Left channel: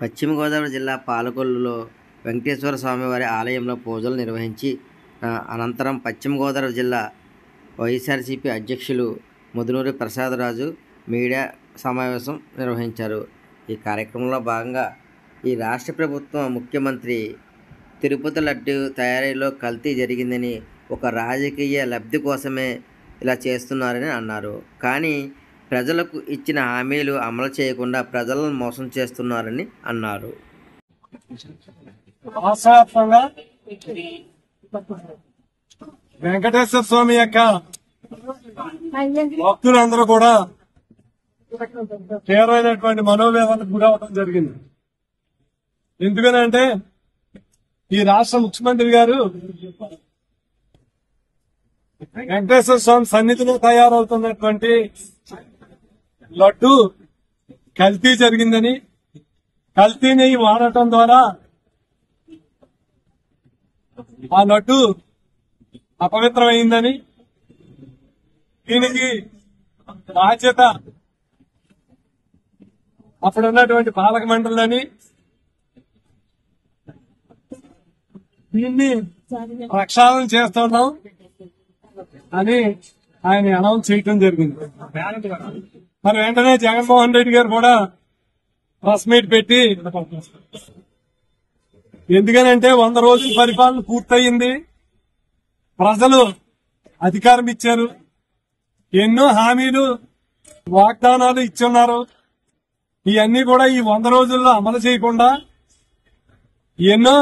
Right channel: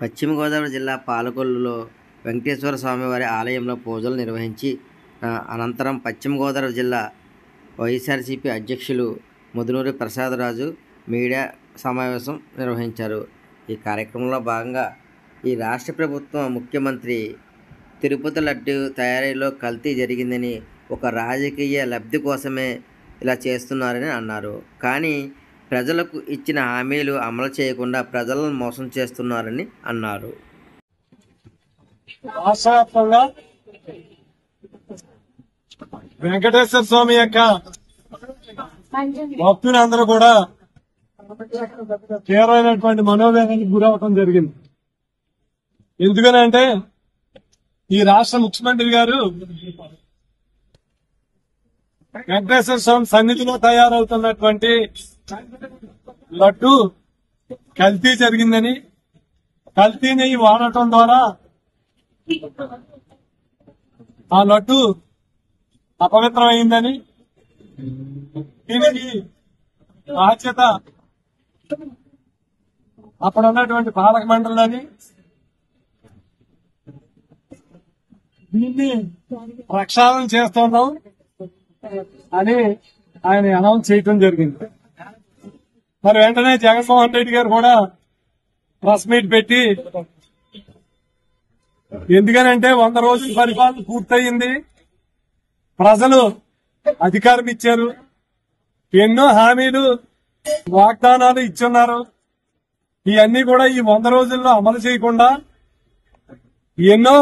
పశ్చిమ గోదావరి జిల్లా పాలకొల్లులో వెంకటేశ్వర స్వామివారి ఆలయంలో పూజలు నిర్వహించి అనంతరం పశ్చిమ గోదావరి జిల్లా వైఎస్ఆర్సీపీ అధ్యక్షులు ముదునూరి ప్రసాదరాజు మీడియా సమావేశం నిర్వహించారు. ఈ కార్యక్రమంలో భాగంగా ఈ రాష్ట్ర ప్రభుత్వం ముఖ్యమంత్రి తిరుపతి లడ్డు తయారీలో కల్తీ జరిగిందని, ఒక రాజకీయ లబ్ధి కోసమే ఇలా చేస్తున్నారని అన్నారు. కానీ ప్రజలకు ఇచ్చిన హామీలు అమలు చేయకుండా ప్రజలను మోసం చేస్తున్నారని అన్నారు. రాష్ట్రవ్యాప్తంగా వెంకటేశ్వర స్వామి యొక్క భక్తులందరూ కూడా తీవ్రమైనటువంటి మనోవేదనకు గురవటం జరిగింది. ఎందుకనంటే ఈ రాష్ట్ర ముఖ్యమంత్రి గారు వెంకటేశ్వర స్వామి సన్నిధిలో తయారవుతున్నటువంటి లడ్డు కల్తీ జరిగిందని, కల్తీ నెయ్యి వాడటం ద్వారా ఆ లడ్డు అపవిత్రమైందని, దీనికి బాధ్యత అప్పుడున్నటువంటి పాలక మండలిని, దీన్ని ప్రక్షాళన చేస్తున్నాం అని ఆయన అనౌన్స్ చేయటం జరిగింది. మరి వెంటనే జగన్మోహన్ రెడ్డి గారు కూడా ప్రెస్ మీట్ పెట్టి, ఎందుకనంటే 100 రోజుల పరిపాలన పూర్తయింది, ప్రజలు అధికారం ఇచ్చారు, ఎన్నో హామీలు వాగ్దానాలు ఇచ్చున్నారు, ఇవన్నీ కూడా ఈ 100 రోజుల్లో అమలు చేయకుండా ఎన్నో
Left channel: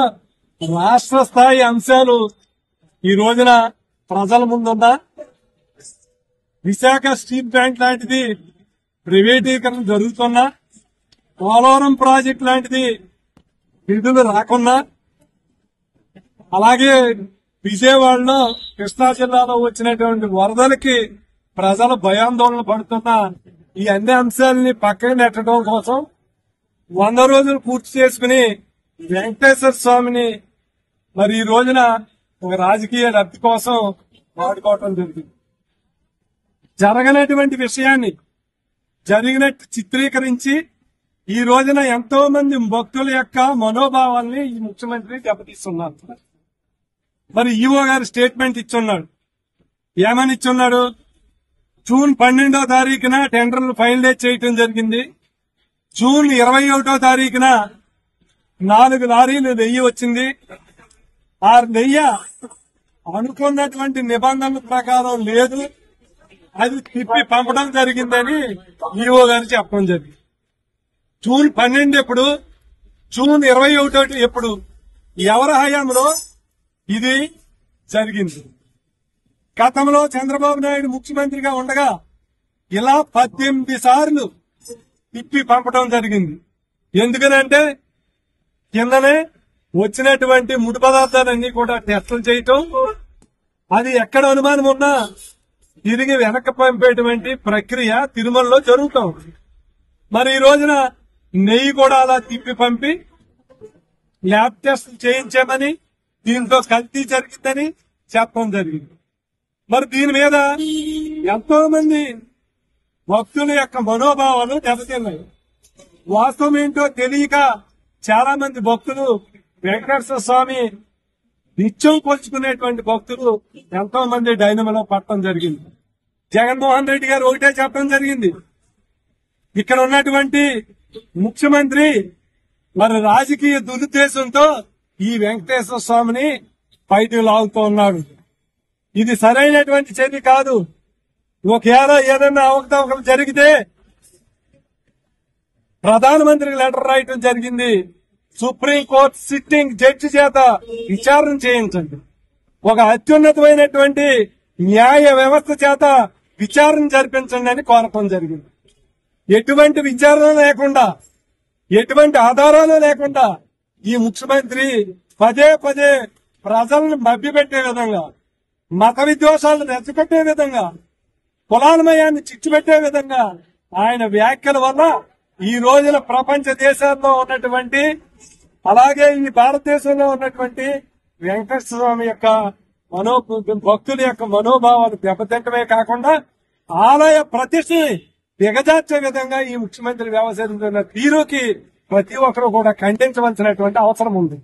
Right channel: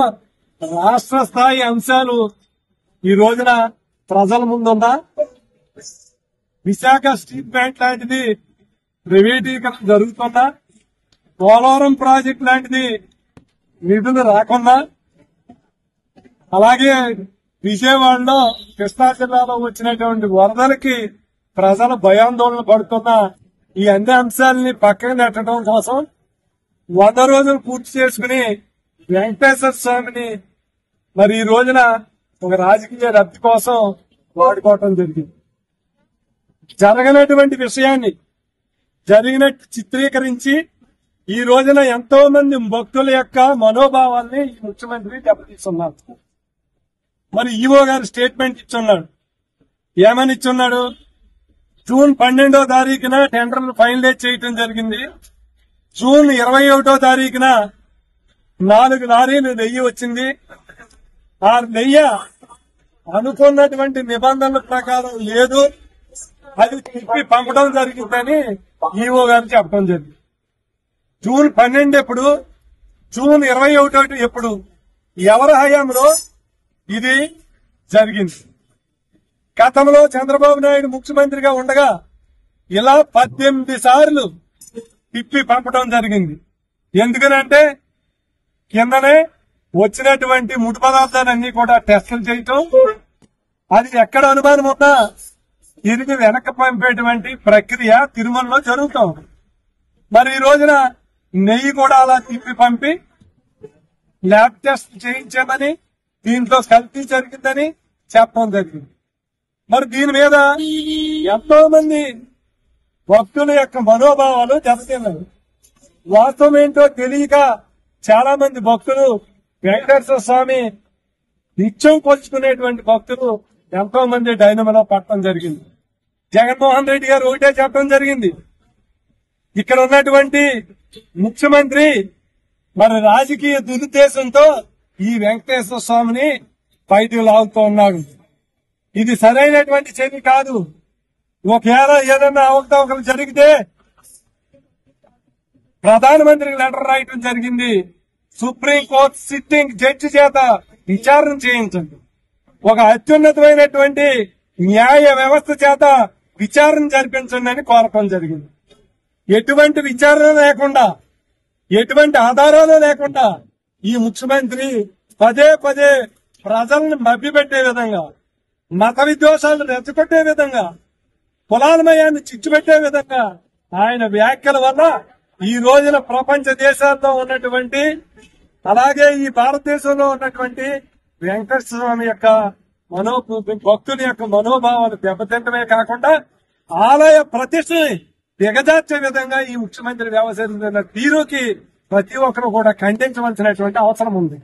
రాష్ట్ర స్థాయి అంశాలు ఈ రోజున ప్రజల ముందున్నా, విశాఖ స్టీల్ ప్లాంట్ లాంటిది ప్రైవేటీకరణ జరుగుతున్నా, పోలవరం ప్రాజెక్ట్ లాంటిది నిధులు రాకున్నా, అలాగే విజయవాడలో కృష్ణా జిల్లాలో వచ్చినటువంటి వరదలకి ప్రజలు భయాందోళన పడుతున్నా, ఈ అన్ని అంశాలని పక్కన నెట్టడం కోసం 100 రోజులు పూర్తి చేసుకుని వెంకటేశ్వర స్వామిని మరి ఈ రోజున ఒక రాజకీయ లబ్ధి కోసం వాడుకోవటం జరిగింది. జరగనటువంటి విషయాన్ని జరిగినట్టు చిత్రీకరించి ఈ రోజున ఎంతో మంది భక్తుల యొక్క మనోభావాల్ని ఈ ముఖ్యమంత్రి దెబ్బతీస్తున్నారు. మరి ఈవో గారు స్టేట్మెంట్ ఇచ్చున్నాడు. ఏమని ఇచ్చున్నాడు? జూన్ 12వ తారీఖున టెండర్లు ఫైనలైజ్ చేయటం జరిగింది. జూన్ 21వ తారీఖున 4 లారీలు నెయ్యి వచ్చింది. ఆ నెయ్యి అనుకున్నటువంటి నిబంధనల ప్రకారం లేదు, అది తిప్పి పంపడం జరిగిందని ఈవో గారు చెప్పడం జరిగింది. జూన్ 12 ఎప్పుడు, జూన్ 21 ఎప్పుడు, ఎవరి హయాంలో ఇది జరిగింది? గతంలో చంద్రబాబు నాయుడు ముఖ్యమంత్రిగా ఉండగా ఇలా 18 సార్లు తిప్పి పంపడం జరిగింది. ఎందుకనంటే కిందనే వచ్చినటువంటి ముడి పదార్థాలన్నీ కూడా టెస్టులు చేయటం, అది ఎక్కడ అనుమానం ఉన్నా తిరిగి వెనక్కి పంపేటువంటి ప్రక్రియ తిరుమలలో జరుగుతాం. మరి ఈ రోజున నెయ్యి కూడా అలా తిప్పి పంపి ల్యాబ్ టెస్ట్ చేయించామని, దీంట్లో కల్తీ జరిగిందని చెప్పడం జరిగింది. మరి దీని మీద ఎంతో మంది భక్తుల యొక్క మనోభావాలు దెబ్బతిన్నాయి. వాస్తవం ఏంటో తెలియక చాలా మంది భక్తులు వెంకటేశ్వర స్వామి నిత్యం కొలుచుకునేటువంటి భక్తులు ఎంతో మంది డైనమలో పట్టడం జరిగింది. జగన్మోహన్ రెడ్డి గారు ఒకటే చెప్పడం జరిగింది, ఇక్కడ ఉన్నటువంటి ముఖ్యమంత్రి మరి రాజకీయ దురుద్దేశంతో ఈ వెంకటేశ్వర స్వామిని బయటకు లాగుతూ ఉన్నాడు. ఇది సరైనటువంటి చర్య కాదు. ఒకవేళ ఏదన్నా అవకతవకలు జరిగితే ప్రధానమంత్రికి లెటర్ రాయటం జరిగింది, సుప్రీంకోర్టు సిట్టింగ్ జడ్జి చేత విచారణ చేయించండి, ఒక అత్యున్నతమైనటువంటి న్యాయ వ్యవస్థ చేత విచారణ జరిపించండి అని కోరటం జరిగింది. ఎటువంటి విచారణ లేకుండా, ఎటువంటి ఆధారాలు లేకుండా ఈ ముఖ్యమంత్రి పదే పదే ప్రజలను మభ్యపెట్టే విధంగా, మత విద్వేషాలను రెచ్చగొట్టే విధంగా, కులాలమయాన్ని చిచ్చుపెట్టే విధంగా ఆయన వ్యాఖ్యల వల్ల ఈ రోజున ప్రపంచ దేశాల్లో ఉన్నటువంటి, అలాగే ఈ భారతదేశంలో ఉన్నటువంటి వెంకటేశ్వర స్వామి యొక్క భక్తుల యొక్క మనోభావాలు దెబ్బతింటమే కాకుండా ఆలయ ప్రతిష్టని దిగజార్చే విధంగా ఈ ముఖ్యమంత్రి వ్యవహరిస్తున్న తీరుకి ప్రతి ఒక్కరు కూడా ఖండించవలసినటువంటి అవసరం ఉంది.